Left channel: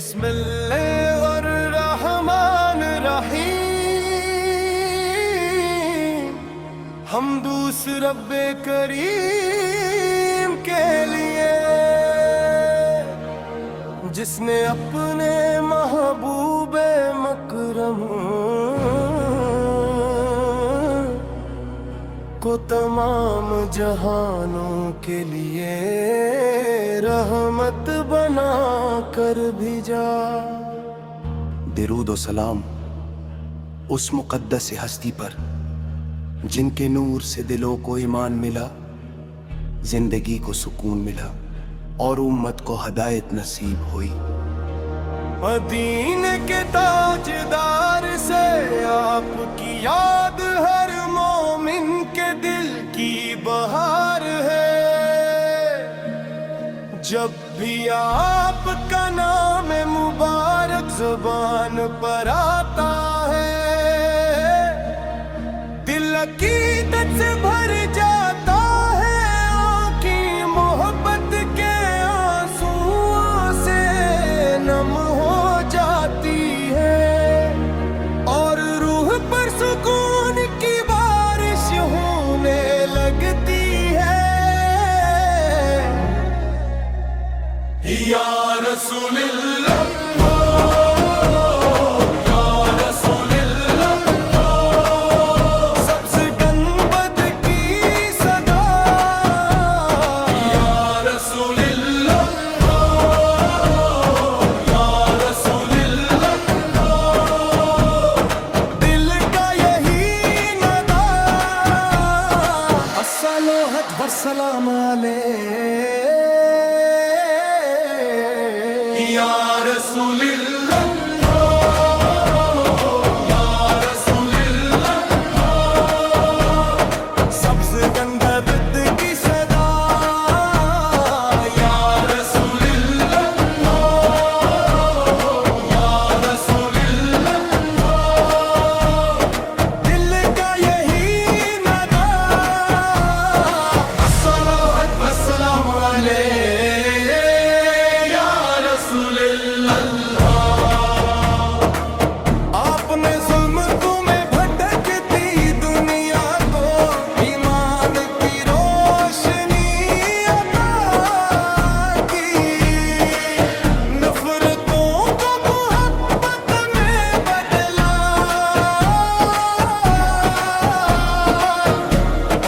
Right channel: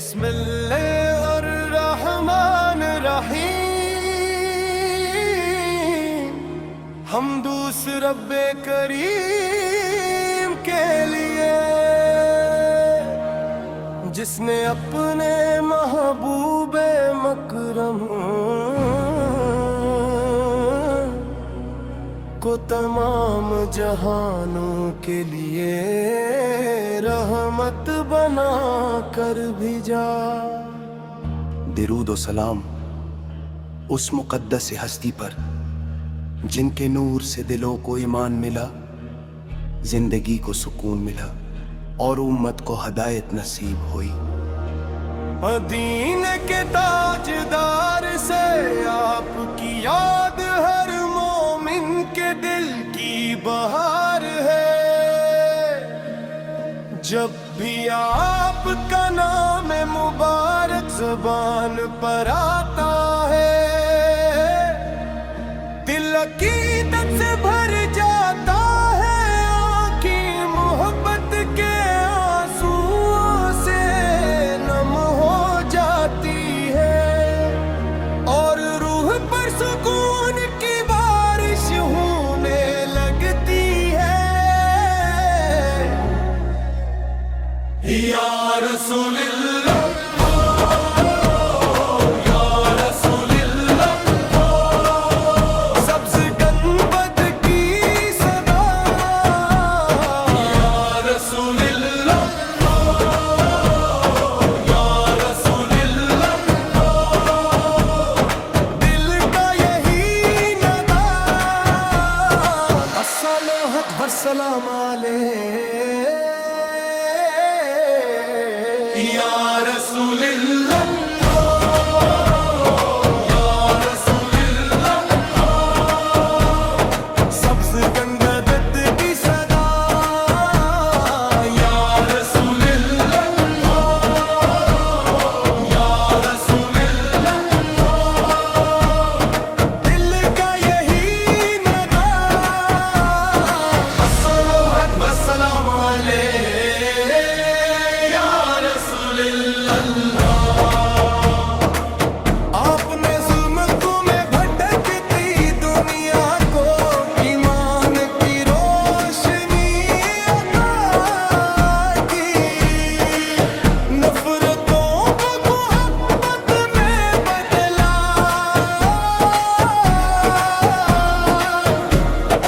بسم اللہ الرحمن الرحیم، حمدوس رب کریم کے لیے جس نے اپنے محبوب مکرم کو تمام جہانوں کے لیے رحمت بنا کر بھیجا۔ درود و سلام اس مقدس ہستی پر جن کے نور سے دلوں کو ایمان ملا، زندگی کو سکون ملا اور امت کو ہدایت نصیب ہوئی۔ مدینے کے تاجدار سے آپ کی یاد ہر مومن کے دل کی بہار ہے، جب بھی آپ کا نام مبارک زبان پر آتا ہے، دل عقیدت سے بھر جاتا ہے، آنکھیں محبت کے آنسوؤں سے نم ہو جاتی ہے، اور روح پر سکون کی بارش ہونے لگتی ہے۔ یا رسول اللہ، الصلوۃ والسلام علیہ یا رسول اللہ، یا رسول اللہ، سبز گنگبد کی صدا یا رسول اللہ، یا رسول اللہ، دل کا یہی السلام علیہ یا رسول اللہ۔ آپ نے ظلمتوں میں بھٹکتی دنیا کو ایمان کی روشنی عطا کی، نفرتوں کو محبت میں بدلا،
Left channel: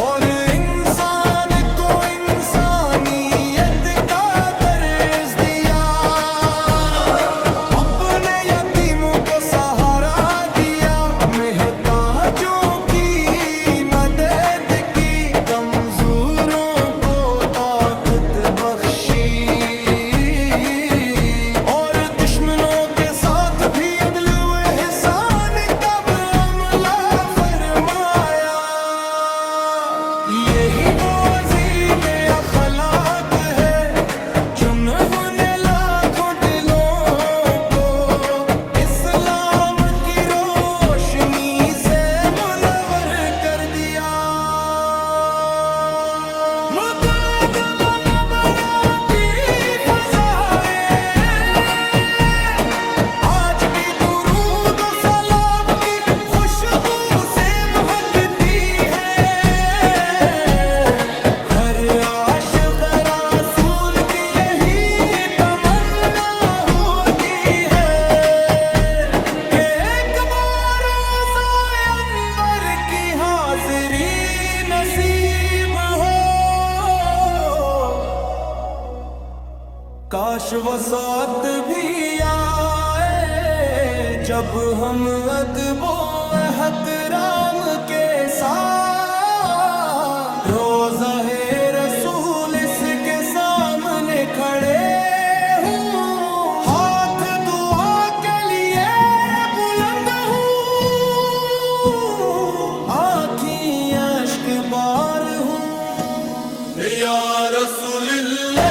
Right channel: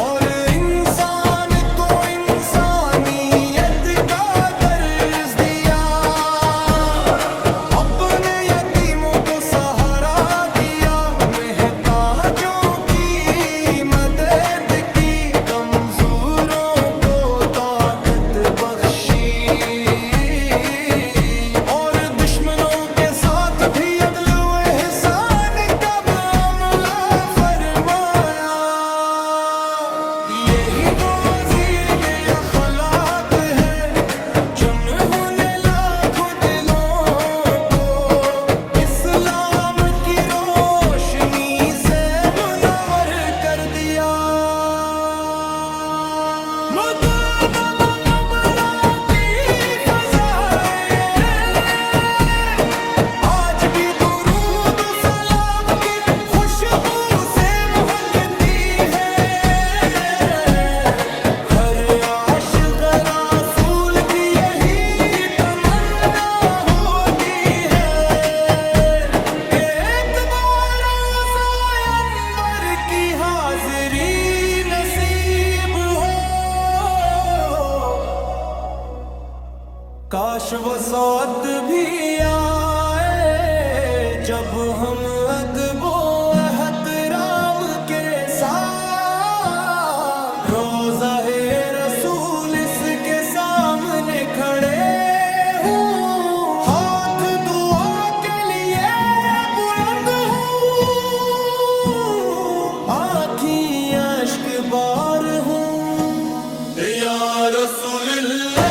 اور انسان کو انسانیت کا درس دیا، اپنے یتیموں کو سہارا دیا، محتاجوں کی مدد کی، کمزوروں کو طاقت بخشی، اور دشمنوں کے ساتھ بھی عدل و احسان کا معاملہ فرمایا۔ یہی وہ عظیم اخلاق ہے جو انہوں لاکھوں دلوں کو اسلام کی روشنی سے منور کر دیا۔ مددم مبرا کی فضائیں آج بھی درود و سلام کی خوشبو سے مہکتی ہے، ہر عاشق رسول کی یہی تمنا ہوتی ہے کہ ایک بار روضہ انور کی حاضری نصیب ہو۔ کاش وہ ساتھ بھی آئے جب ہم ادب و احترام کے ساتھ روضہ رسول اس کے سامنے کھڑے ہوں، ہاتھ دعا کے لیے بلند ہوں، آنکھیں اشک بار ہوں۔ یا رسول اللہ،